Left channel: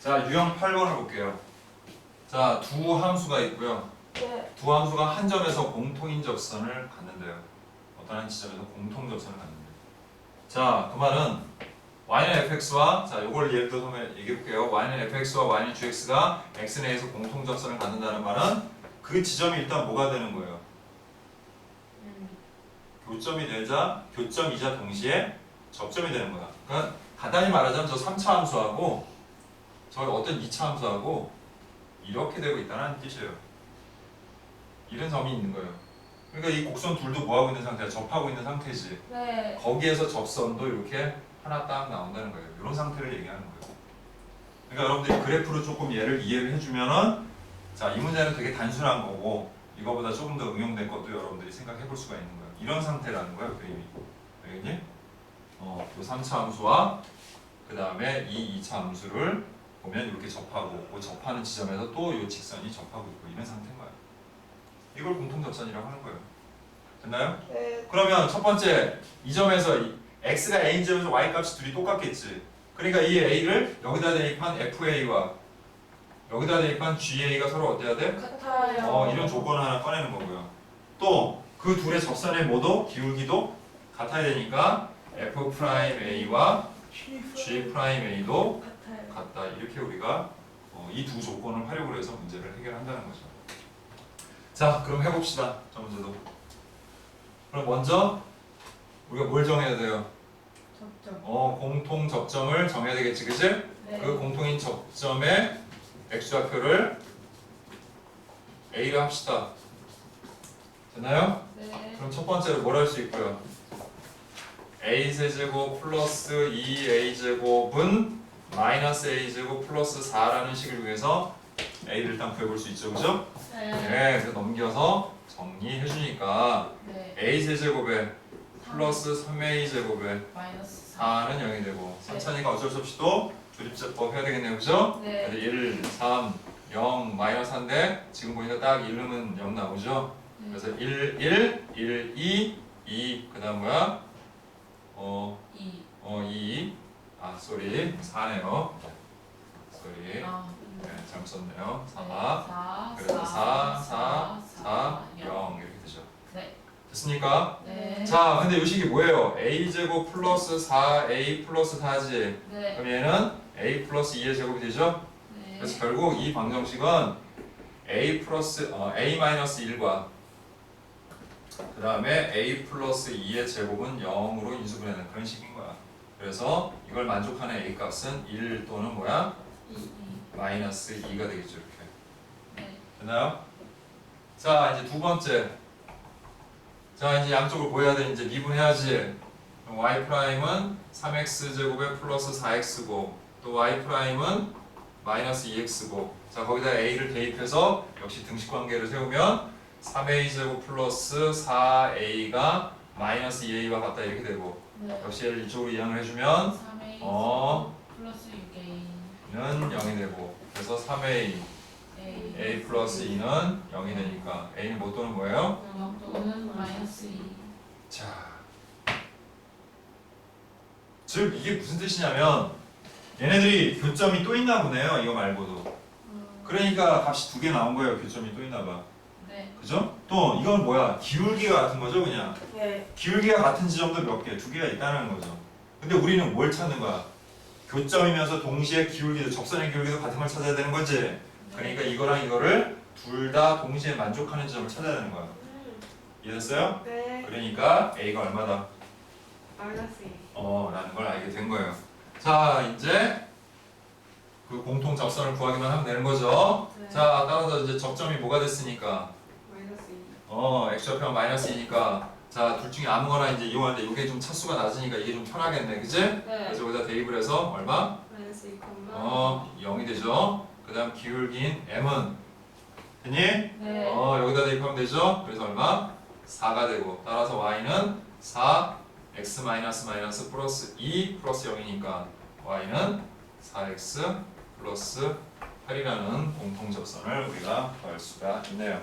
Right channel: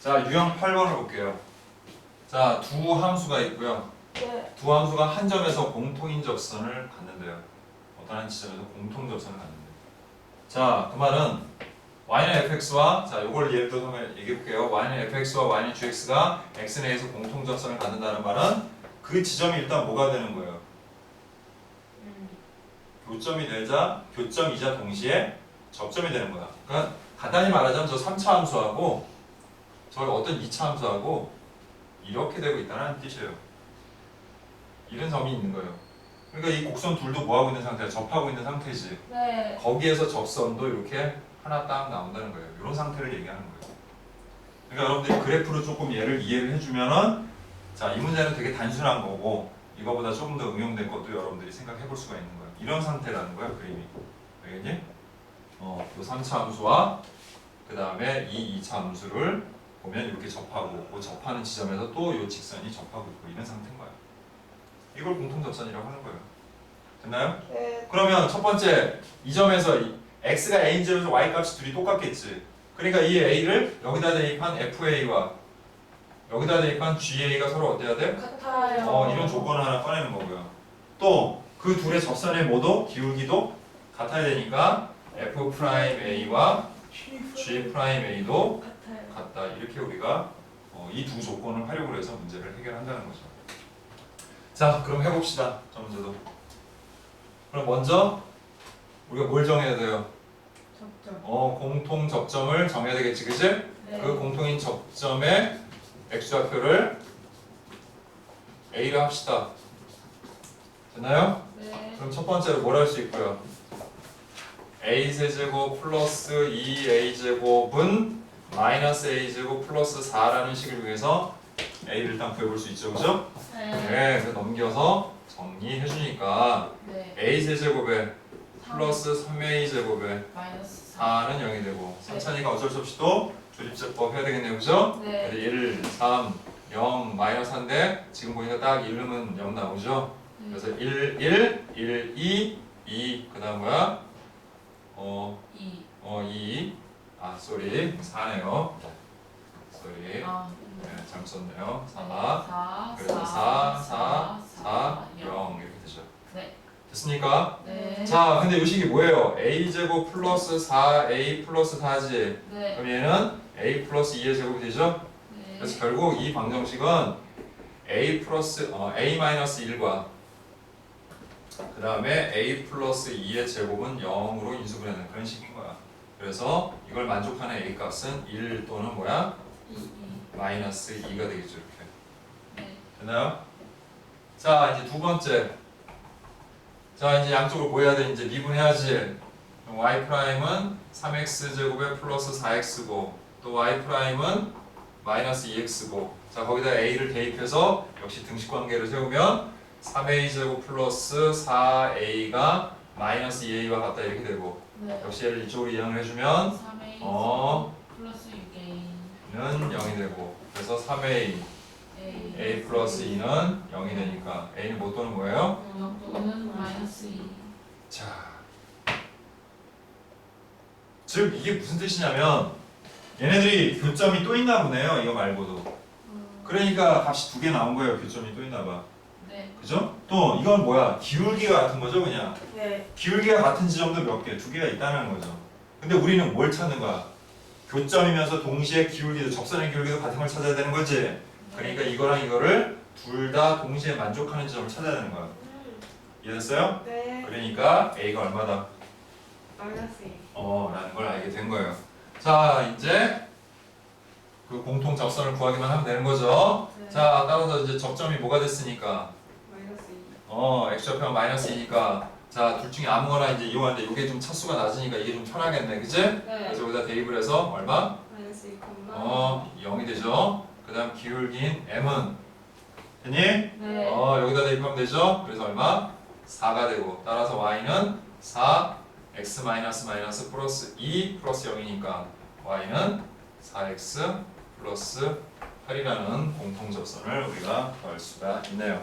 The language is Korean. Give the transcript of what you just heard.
자, 유형 8번을 볼게요. 자, 두 함수가 있고요. 네. 두 함수가 한 점에서 공통인 접선을 갖는데요. 어떤 한 지점에서 공통 접선을 갖는데요. 자, 그 말은 y는 fx와 자, 요걸 예를 들어서 한번 얘기해 볼게요. y는 fx와 y는 gx가 x에 의해서 공통 접선을 갖는다는 말은 그 지점이 일단 뭐가 되는 거예요? 음. 교점이 되자 교점이자 동시에 접점이 되는 거야. 그러니까 간단히 말하자면 저 3차 함수하고 저 어떤 2차 함수하고 이렇게 되고 있다는 뜻이에요. 이런 점이 있는 거예요. 그러니까 이 곡선 둘도 뭐하고 있는 상태야? 접하고 있는 상태지. 네. 거기에서 접선도 이렇게 하나 딱 나온다는 거예요. 이런 상태를 얘기하는 거예요. 그러니까 여러분들이 그래프로 조금 얘를 이해를 해주면은 자, 이 문제는 되게 단순한 거고 이거보다 조금 더 응용된 것도 여러분들이 생각해 볼 수가 있는 거예요. 이런 상태라는 거예요, 그림이. 알겠니? 어, 요 3차 함수와 그 다음에 이 2차 함수를 보면 이렇게 접하고 그 접하는 지점에서 또 이 직선이 접하고 있고 이런 상태인 거예요. 이걸 공통 접선이라고 하는 거예요. 됐나요? 네. 그러면 첫 번째 이 점에서 이 x가 a인 점에서 y 값이 둘이 똑같겠지. 그러니까 이 a를 여기다 대입한 fa와 여기다 대입한 ga가 서로 어때야 돼? 같아요. 어, 이런 조건을 하나 꺼내는 거고요. 또 그 둘의 접선의 모도 기울기도 같아야 되니까 f 프라임 a와 g 프라임 a도 같다. 이렇게 우리가 어, 이두 조건을 활용을 해서 문제를 해결한다는 거죠. 자, 그럼 해봅시다. 저 문제도. 그럼 먼저 우리가 뭘 정해야 돼요? 접점. 어, 공통 접점을 정해야 되겠지, 그지? 네. 그 공통인 접점의 x좌표를 a를 합시다. 됐나요? 네. 그럼 첫 번째로 뭘 할 수 있고요? a 세제곱 플러스 2a 제곱은 마이너스 a 제곱 플러스 4라는 식을 위해서 a를 일단 구해볼 수 있죠, 그죠? 네. 네, 그래서 넘겨서 정리해 주니까 네. a 세제곱에 플러스 3a 제곱에 마이너스 4. 4는 0이 되고 3차니까 어쩔 수 없이 또 조립제법 해야 되겠네요, 그죠? 네. 그래서 1, 3, 0, 마이너스 1인데 지금 보니까 딱 1름은 0 나오죠? 네. 그래서 1, 1, 1, 2, 2, 그 다음 뭐야? 어, 2. 어, 2, 아, 쏘리, 4네요. 쏘리, 아. 네, 잘못 썼네요. 4, 4. 그래서 4, 4, 4, 0 이렇게 되죠. 네. 됐습니까? 네. 자, 근데 이 식이 뭐예요? a제곱 플러스 4a 플러스 4지. 네. 그럼 얘는 a 플러스 2의 제곱이 되죠? 네. 그래서 결국 이 방정식은 a 플러스 어, a 마이너스 1과 그 다음에 a 플러스 2의 제곱은 0으로 인수분해되는 그런 식인 거야. 그래서 이걸 만족하는 a 값은 1 또는 뭐야? 2. 2. 마이너스 2가 되겠죠 이렇게. 네. 됐나요? 자 이제 두 번째. 자 이제 양쪽을 뭐 해야 돼? 이제 미분해야지. 그럼 y 프라임은 3x 제곱에 플러스 4x고 또 y 프라임은 마이너스 2x고 자 거기다 a를 대입해서 역시 등식 관계를 세우면 3a 제곱 플러스 4a가 마이너스 2a와 같다 이렇게 되고 네. 역시 얘를 이쪽으로 이항을 해주면 3A 어. 플러스 6A 는 0이 되고 그래서 3a A a 플러스 2는 0이 되니까 a는 뭐 또는 뭐예요? 0 또는 마이너스 2 자, 즉 이게 무슨 뜻이냐면 얘네들이 교점이 또 있나 보네요. 이거 말고도. 그러니까 값이 두 개 나온 거예요. 교점이 또 있나 봐. 네. 그죠? 또 이건 뭐야? 기울기가 같은 거죠, 그냥. 네. 기울기가 같은 지점도 몇 개, 두 개가 있다는 거죠. 근데 우리는 뭘 찾는 거야? 교점이면서 동시에 기울기도 접선의 기울기도 같은 걸 찾아야 되는 거지. 그러니까 이거랑 이거를 둘 다 동시에 만족하는 지점을 찾아야 되는 거야. 이해됐어요? 네. 그러니까 a가 얼마다? 마이너스 2 어, 라는 걸 알게 된 거예요. 자, 이제 그 공통 접선을 구하기만 하면 되는 거죠. 네. 자, 따라서 이제 접점이 뭐가 됐으니까 마이너스 2 어, x좌표가 마이너스 2니까 자, 둘 중에 아무거나 이제 이용하는데 이게 좀 차수가 낮으니까 이게 좀 편하겠네. 그지? 네. 그래서 여기다 대입을 해서 얼마? 마이너스 2 어, 0이 되죠. 그 다음 기울기인 m은 됐니? 네. 어, 여기다 대입하면 되죠. 그래서 얼마? 4가 되고 따라서 y는 4 x 마이너스 마이너스 플러스 2 플러스 0이니까 y는 4x 플러스 8이라는 공통 접선을 우리가 구할 수가 있네요.